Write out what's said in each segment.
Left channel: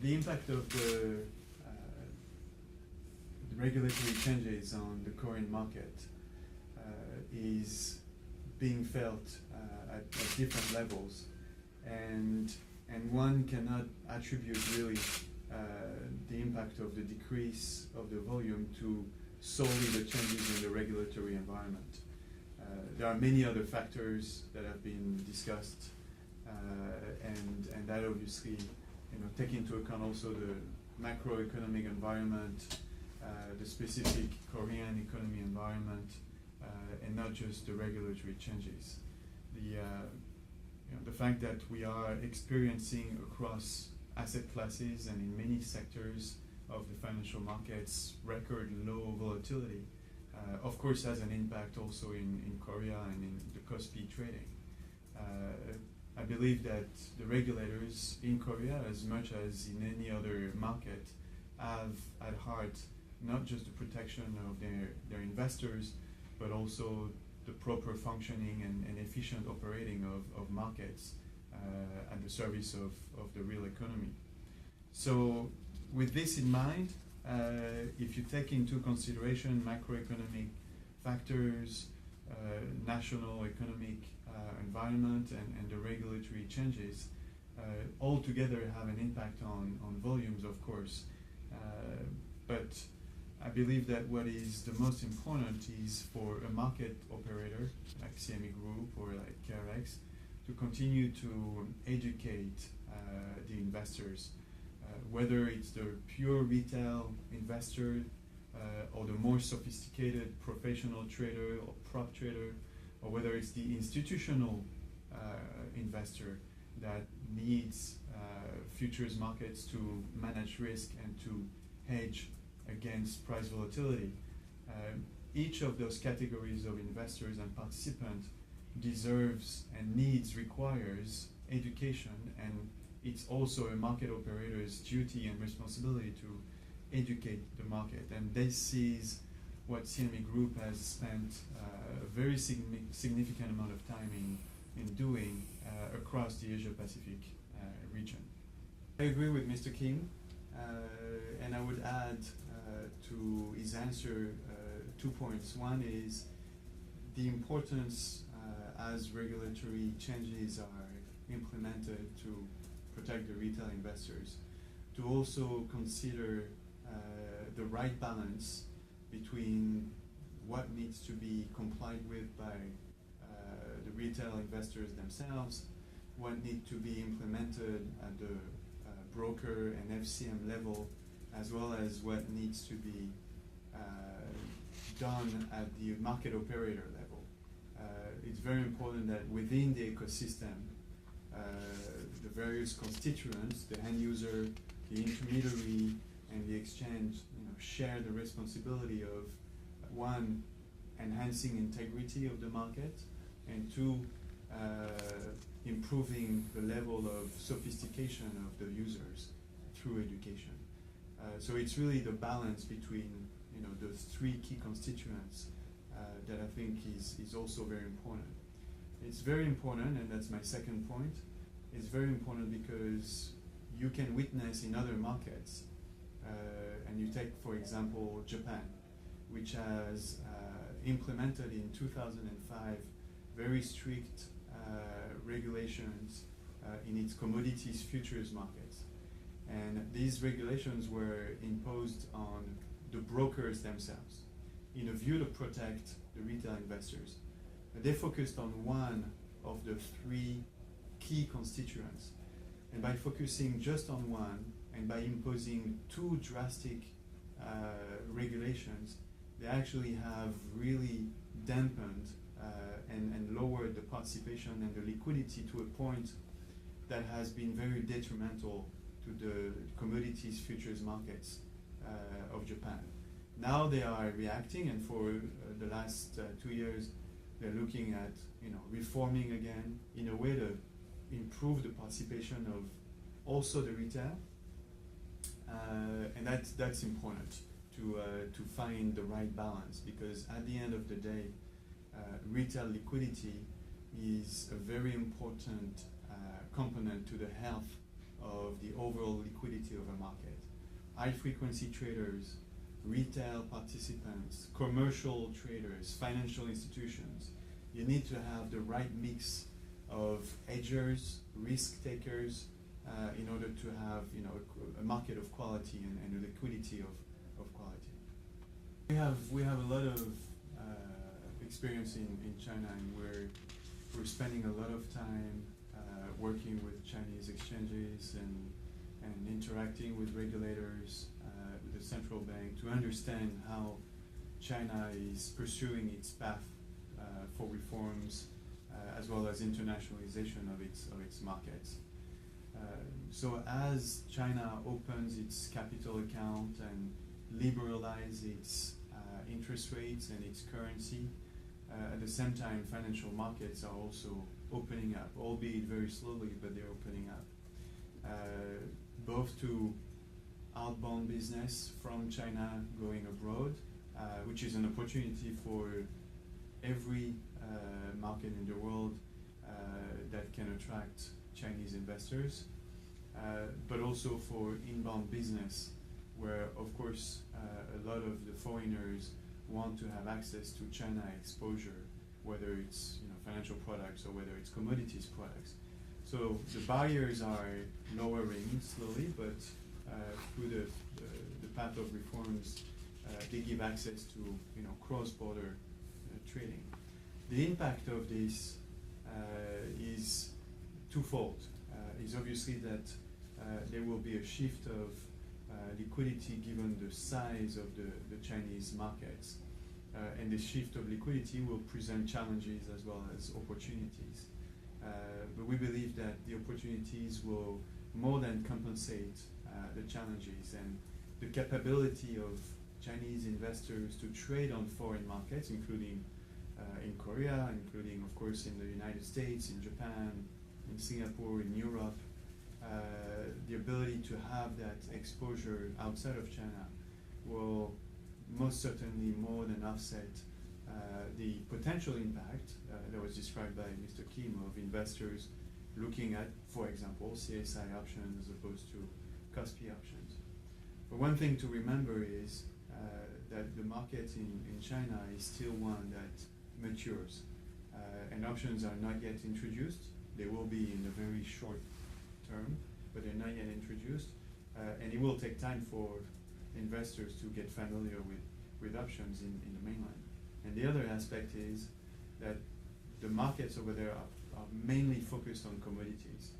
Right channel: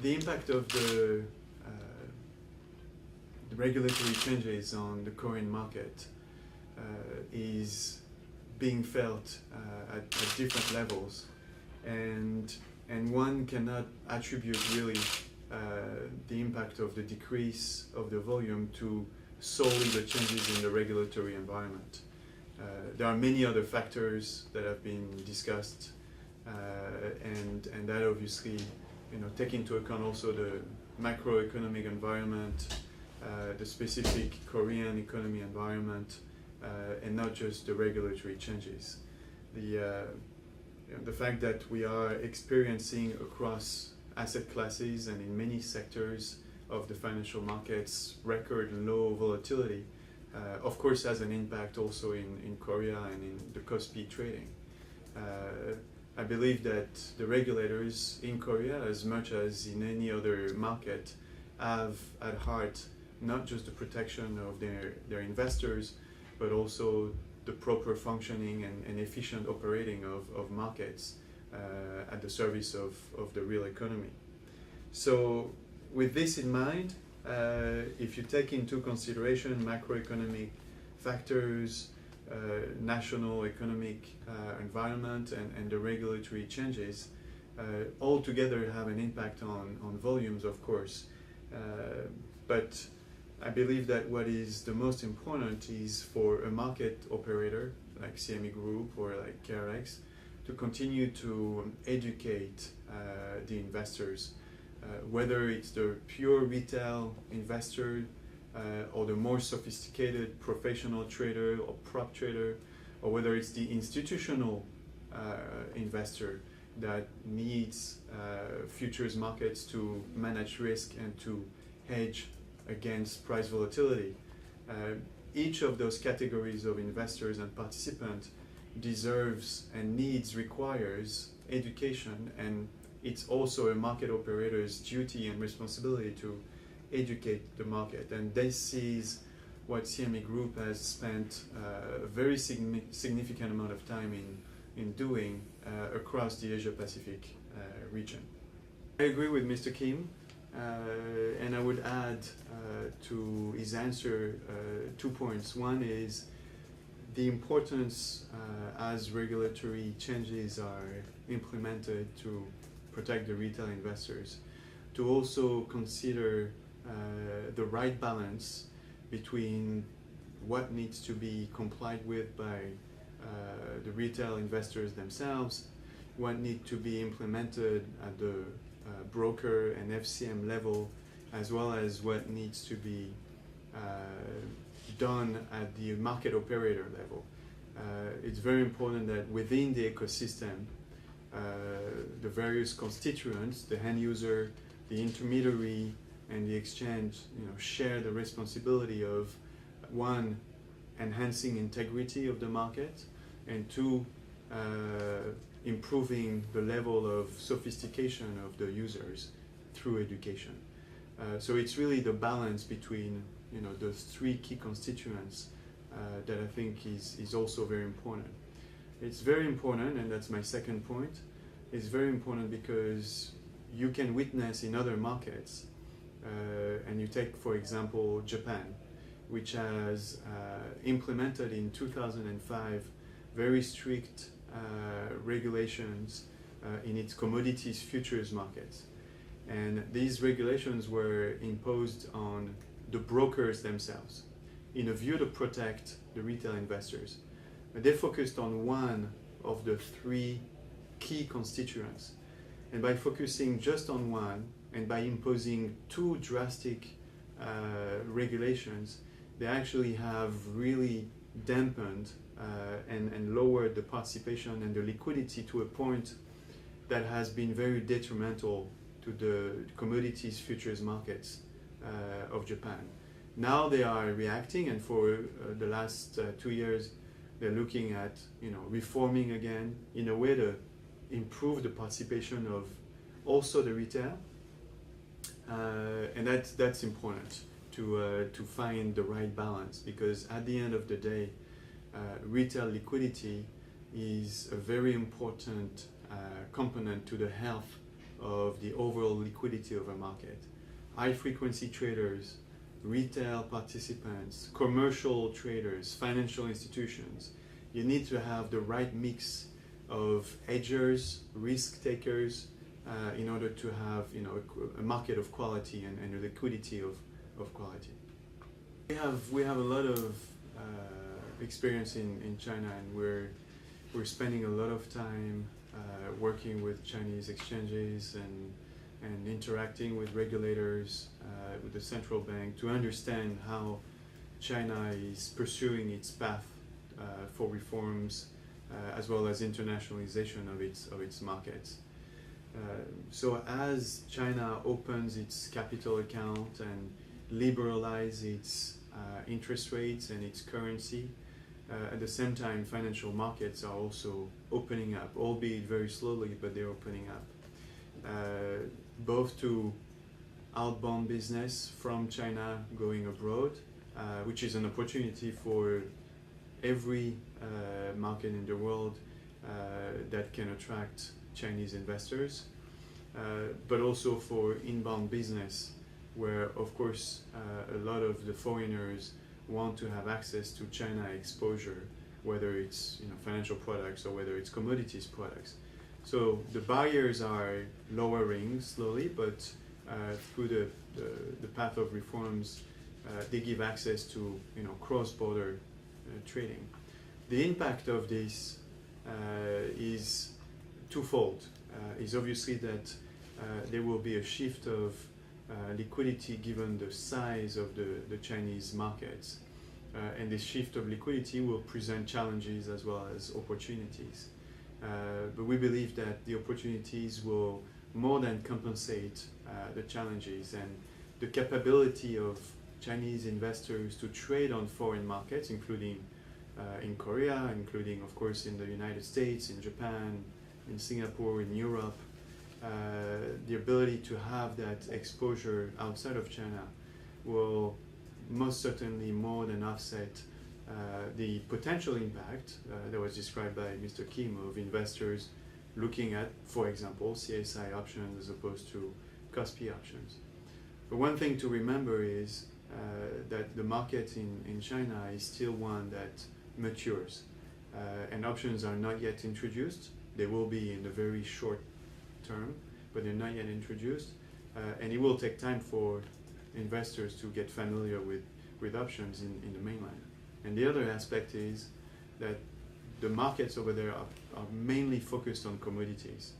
the impact of the regulatory changes on the Korean market is being felt at different levels, and one cannot attribute really the impact of the decrease of the volume to solely the changes in the regulatory environment. There are many other factors that have been discussed, and that obviously, take into account also the macroeconomic environment, the specific Korean economy environment, and not just the regulatory changes. The fact that we are experiencing across asset classes and in many sectors of the financial markets record low volatility, of course has an impact also in Korea and in the Kospi trading. I believe that the regulators in Korea, as much as in any other market, have at heart not just the protection of their investors, but also the proper functioning and efficient operating of markets at the service of the real economy. So with this in mind, if you take into consideration macroeconomic factors, national economic environment, and the regulatory changes, all together have an impact on volumes, of course. But I believe that what is the most important is for a market operator like Cmegroup or like KRX to continue to educate the investors, whether it's the pure retail investor or the more sophisticated professional trader or prop trader, or whether it's the institutional investor that needs futures markets to manage risk and to hedge against price volatility. Each of those categories of investors and participants deserves and requires education, and it's also a market operator's duty and responsibility to educate the market. And this is what Cmegroup has spent a very significant amount of time in doing across the Asia-Pacific region. I agree with Mr. Kim, and I would add to his answer 2 points. One is the importance as regulatory changes are implemented to protect the retail investors, to also consider the right balance between what needs to be complied with by the retail investors themselves, what needs to be implemented at the broker and FCM level, as well as what needs to be done at the market operator level. It's very important that within the ecosystem, the various constituents, the end user, the intermediary, and the exchange, share the responsibility of, one, enhancing integrity of the market, and two, improving the level of sophistication of the users through education. So it's really the balance between those three key constituents that I think is also very important. It's very important, and that's my second point. It's very important because you can witness in other markets, and you take, for example, Japan, which has implemented in 2005 very strict regulations in its commodities futures markets. And these regulations were imposed on the brokers themselves in a view to protect the retail investors. But they focused on one of the three key constituents. And by focusing just on one and by imposing two drastic regulations, they actually have really dampened and lowered the participation and the liquidity to a point that has been very detrimental to the commodities futures markets of Japan. Now they are reacting, and for the last 2 years, they're looking at reforming again in a way to improve the participation of also the retail, and that's important to find the right balance, because at the end of the day, retail liquidity is a very important component to the health of the overall liquidity of a market. High frequency traders, retail participants, commercial traders, financial institutions. You need to have the right mix of hedgers, risk takers, in order to have a market of quality and a liquidity of quality. We have a lot of experience in China, and we're spending a lot of time working with Chinese exchanges and interacting with regulators, with the central bank, to understand how China is pursuing its path for reforms, as well as internationalization of its markets. So as China opens its capital account and liberalizes its interest rates and its currency, at the same time financial markets are also opening up, albeit very slowly, but they're opening up, both to outbound business from China going abroad, which is an opportunity for every market in the world that can attract Chinese investors, but also for inbound business, where of course a lot of the foreigners want to have access to China exposure, whether it's financial products or whether it's commodities products. So the barriers are lowering slowly, but through the path of reforms, they give access to cross-border trading. The impact of this is twofold. Is obviously that there will be a shift of liquidity given the size of the Chinese markets, and this shift of liquidity will present challenges as well as opportunities. But we believe that the opportunities will more than compensate the challenges, and the capability of Chinese investors to trade on foreign markets, including in Korea, including of course in the United States, in Japan, in Singapore, in Europe, the ability to have that exposure outside of China will most certainly more than offset the potential impact that was described by Mr. Kim of investors looking at, for example, CSI options as opposed to KOSPI options. But one thing to remember is that the market in China is still one that matures, and options are not yet introduced. They will be in the very short term, but they're not yet introduced, and it will take time for investors to get familiar with options in the mainland. And the other aspect is that the markets over there are mainly focused on commodities,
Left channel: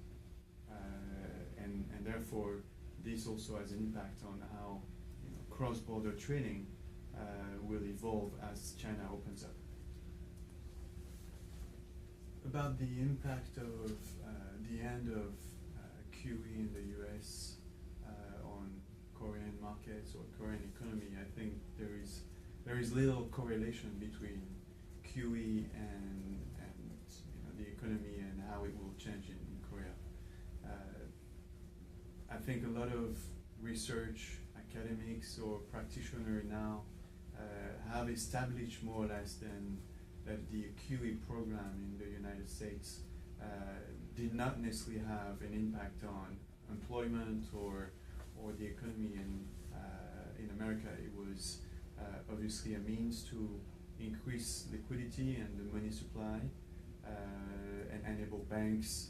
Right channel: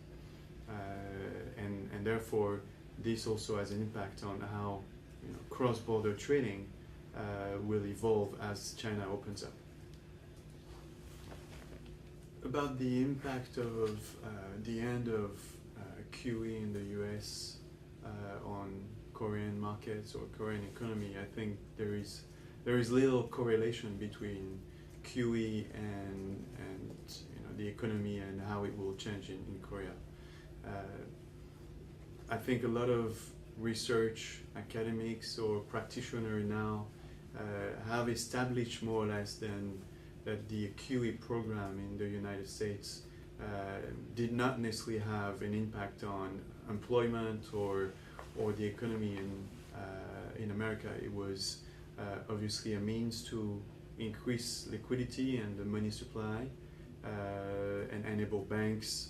and therefore this also has an impact on how cross-border trading will evolve as China opens up. About the impact of the end of QE in the US on Korean markets or Korean economy, I think there is little correlation between QE and the economy and how it will change in Korea. I think a lot of research academics or practitioners now have established more or less that the QE program in the United States did not necessarily have an impact on employment or the economy in America. It was obviously a means to increase liquidity and the money supply, and enable banks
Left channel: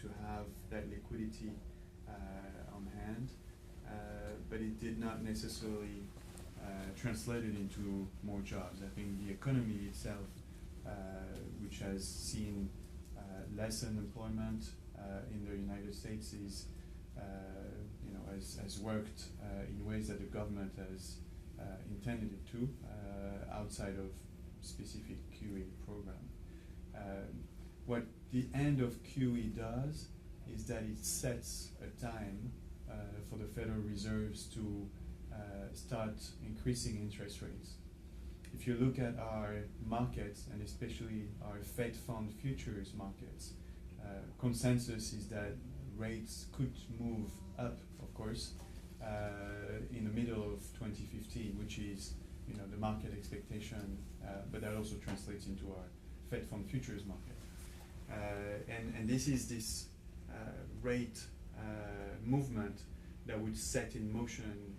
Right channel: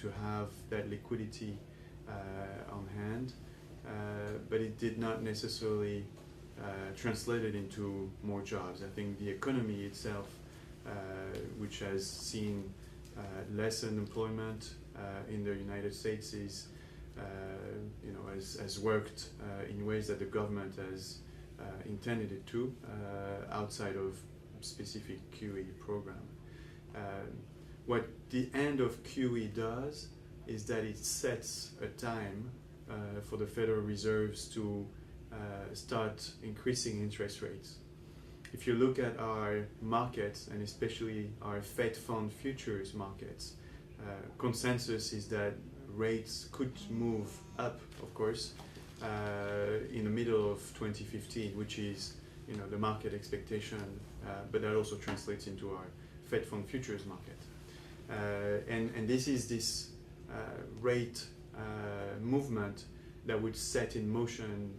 to have that liquidity on hand, but it did not necessarily translate it into more jobs. I think the economy itself, which has seen less unemployment in the United States, is has worked in ways that the government has intended it to, outside of specific QE program. What the end of QE does is that it sets a time for the Federal Reserves to start increasing interest rates. If you look at our markets, and especially our Fed fund futures markets, consensus is that rates could move up, of course, in the middle of 2015, which is the market expectation, but that also translates into our Fed fund futures market. And this is this rate movement that would set in motion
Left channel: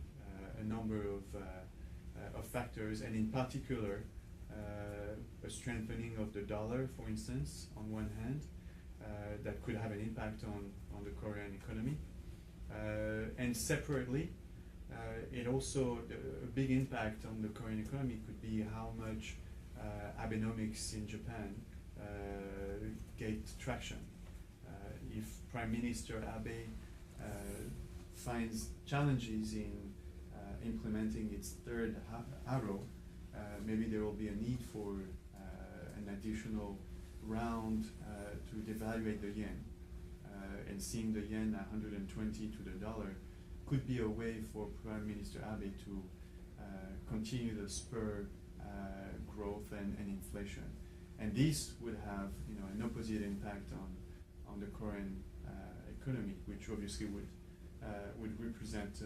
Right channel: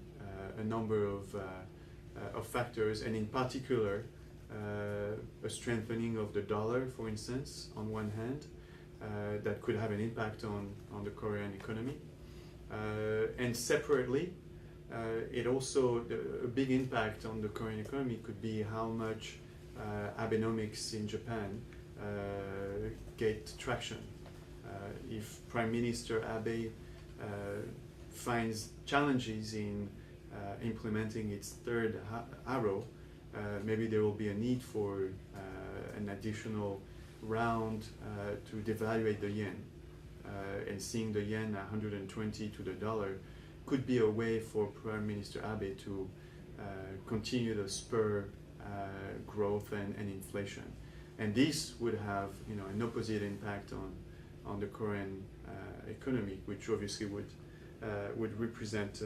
a number of factors, and in particular a strengthening of the dollar, for instance, on one hand, that could have an impact on the Korean economy. And separately, it also, a big impact on the Korean economy could be how much Abenomics in Japan get traction. If Prime Minister Abe finds challenges in implementing its third arrow, maybe there will be a need for an additional round to devaluate the yen. And seeing the yen 120 to the dollar could be a way for Prime Minister Abe to continue to spur growth and inflation. And this would have, an opposite impact on the Korean economy, which obviously would represent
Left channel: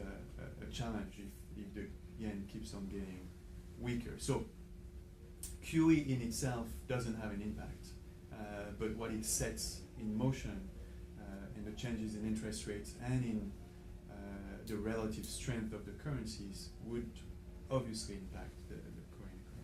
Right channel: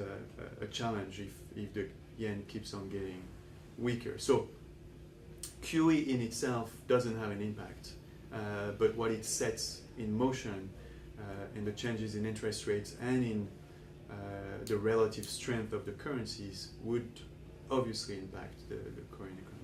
a challenge if the yen keeps on getting weaker. So QE in itself doesn't have an impact, but what it sets in motion and the changes in interest rates and in the relative strength of the currencies would obviously impact the Korean economy.